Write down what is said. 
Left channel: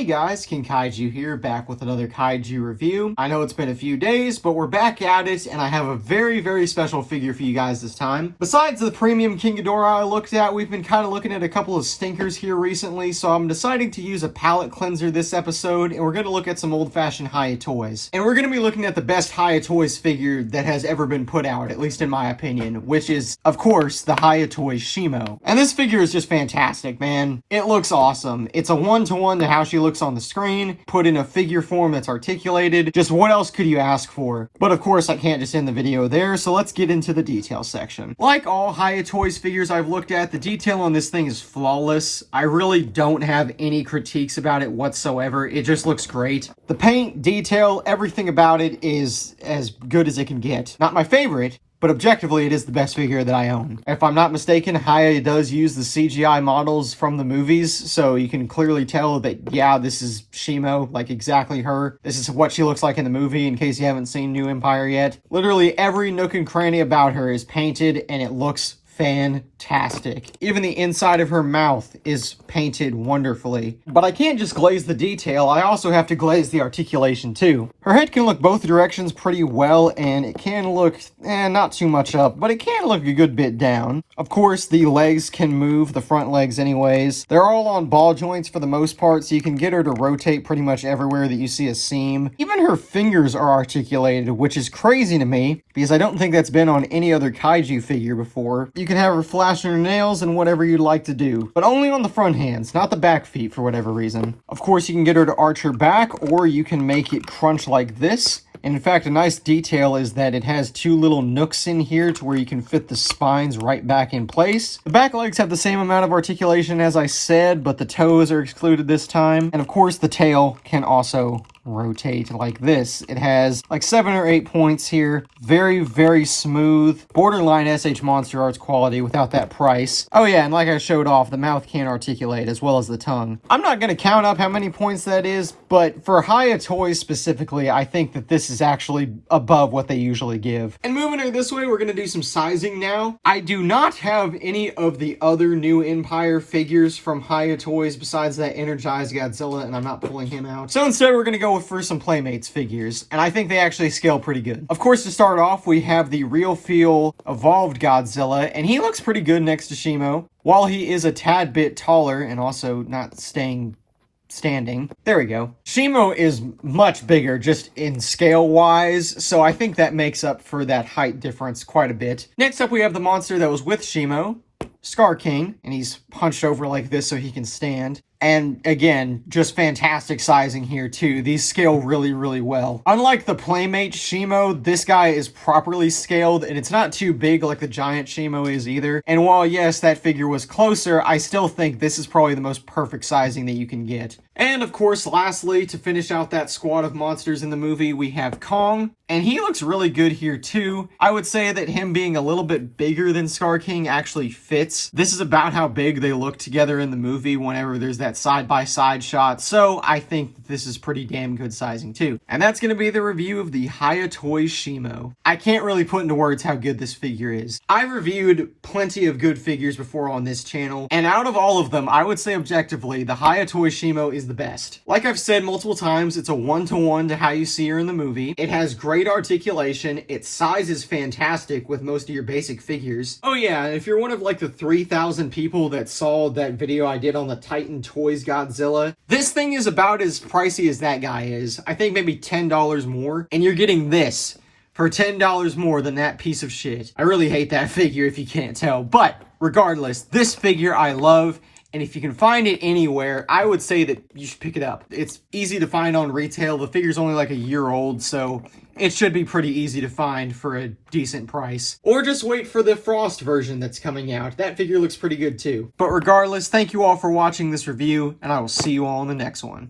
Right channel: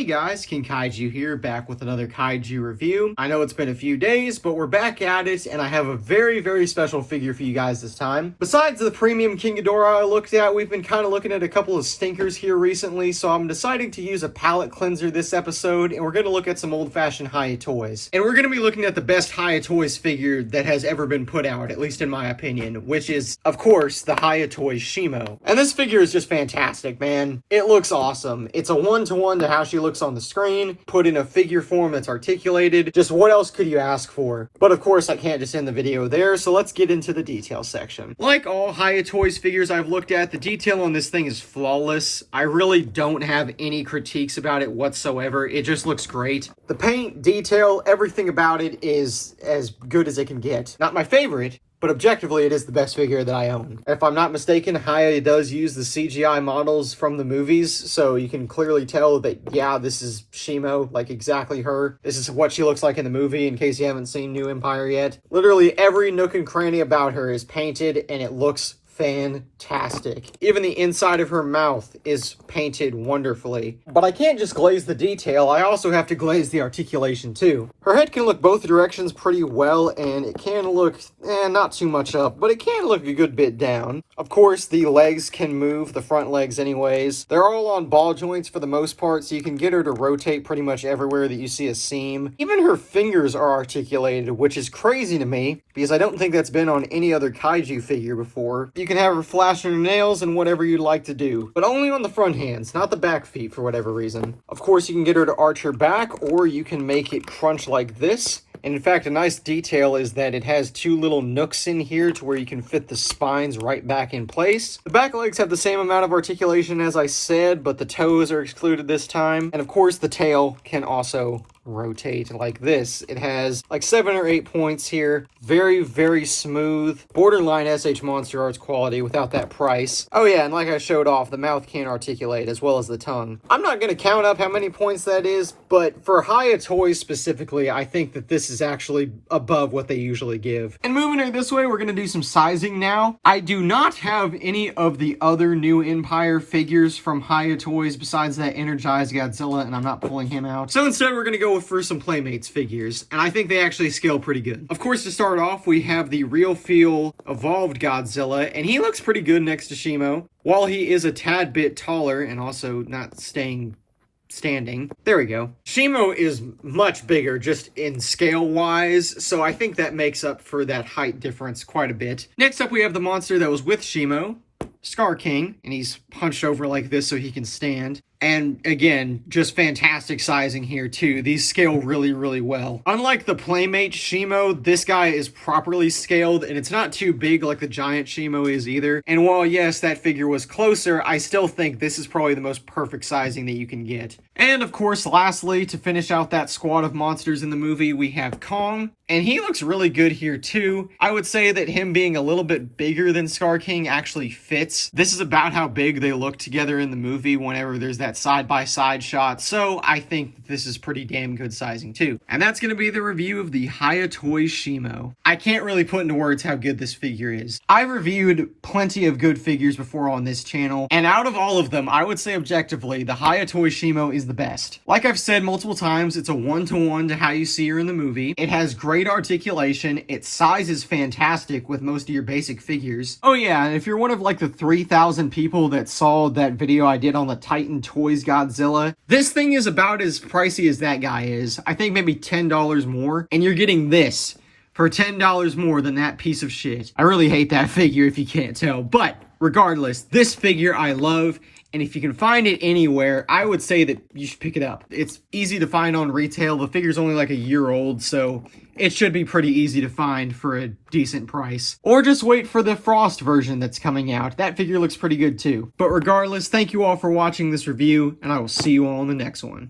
Hey guys, King Kaiju here, back with another Kaiju review. I know it's been a few days, but we're back at it, and I have a very special figure for you guys this time. Besides the premium King Ghidorah I looked at, we've been kind of looking at a couple of stinkers here recently, so I'm deciding to use a palette cleanser this episode, and we're going to look at some old-fashioned Hiya toys. And we're going to be looking at the best Hiya toys figure that has ever been put out, at least in my opinion, which is, of course, the Hiya toys Shimo. And this figure is just fantastic, man. It looks awesome. It's a one-to-one to how she looks on the screen, put in a figure form that's articulated. Just what else could you ask for? But of course I can't just end the video there, so let's get into the detail section. Like all Hiya Toys figures I've looked at, the detail on this thing is flawless. I really don't have any critiques about it whatsoever. It just looks great. The paint, detail, everything about it is as good as it can get. Not my favorite, but objectively, it is the best figure that I own. If I'm not mistaken, Hiya does use the CGI models from the movies, so you can clearly tell that, yeah, this is Shimo, like exactly her. This is what she looks like in the movie, in case you haven't seen New Empire yet. Literally every nook and cranny about her is painted, and it looks fantastic. Even the inside of her mouth is painted wonderfully. But I can't just glaze the detail, I also have to glaze the articulation too. Her head can look both directions pretty well, and it can look, not too much up, but it can look a good bit down. Of course, the legs can move, the front legs anyways. They're all on ball joints for the most part, so you can get her to rotate pretty much everywhere that you see a seam. Even her fingers are articulated, which is crazy to me, because I don't think that's been on any other Kaiju figure before. You can have her flashing her nails and whatever you'd like to do, but only on the front hands, not the back feet for whatever reason. Of course, you can get her to arch her back, or you can make it crunch like this. And in fact, a nice detail is that it has two little nooks in here to where you can fit the spines right back in place. The back legs have the same amount of articulation as I said, but the toes are excluded this time. And of course, the tail can also rotate like this. It has like 7 or 8 points here. Very smooth. Borderline SH Monster Arts quality without that price. Oh yeah, and like I showed off, the mouth can articulate as well as the tongue. I'm not going to count up how many points that is, but for Hiya toys specifically, I think that this is actually above what they usually give. And moving her this way, we're going to do some sizing now. I do not have any of the other New Empire figures from Hiya toys besides that Energized Godzilla, and I'm not pulling him out. So instead, we're going to go for some Playmates figures, and I think they actually scale pretty good. Of course, to start off, we have the Real Feel Evolved Godzilla, and he looks pretty good next to Shimo. While he is a tad bit taller and also not standing. There we go. Shimo is much bigger just in scale wise, so I think that makes up for that height difference quite a bit. Next up, we have the monster that was with Shimo, Scar King, and he's punched over like this so he can stand. And again, just fantastic sizing here too. These scale really well. Unlike the Playmate Shimo, this guy is properly scaled, and it's not too big like the giant Shimo is either. And while yes, that figure was closer, I still think this is probably the most perfect sizing that you can get. And of course, lastly, to finish out that squad of monsters in the movie, we have Kong. And he looks really good here too. I would say that him being a little bit bigger than Scar King actually fits. This is about how big they look together in the movie whenever there's that side-by-side shot, so I think this is pretty damn good sizing too. And that's going to be the review of the Hiya Toys Shimo. I can't really put into words how good this figure is. I've reviewed plenty of good figures before on this channel, and out of all of them, I would say objectively, the Hiya Toys Shimo is the best. Like I've said multiple times, it's a one-to-one to how you see her in the movie. It has great articulation, its size is fantastic with most of your basic figures. Oh yeah, and if you're one of like the 3,000 people that saw that video I did on the Titan Toys Godzilla, this thing is about as pricey as that guy is. I think maybe $10 more, and you're getting this for $10 more than that piece of shit. I really hate that figure if you can't tell, but regardless, this figure I love, and if you can find it anywhere, I would say that you should pick it up. It's easy to find on retail. The figure's only like a year old, so it should be pretty easy to find for a decent price. Or just wait for the Frost version that's coming out. That figure looks pretty good too. But regardless, thank you all for watching this review, and I will see you all in the next one.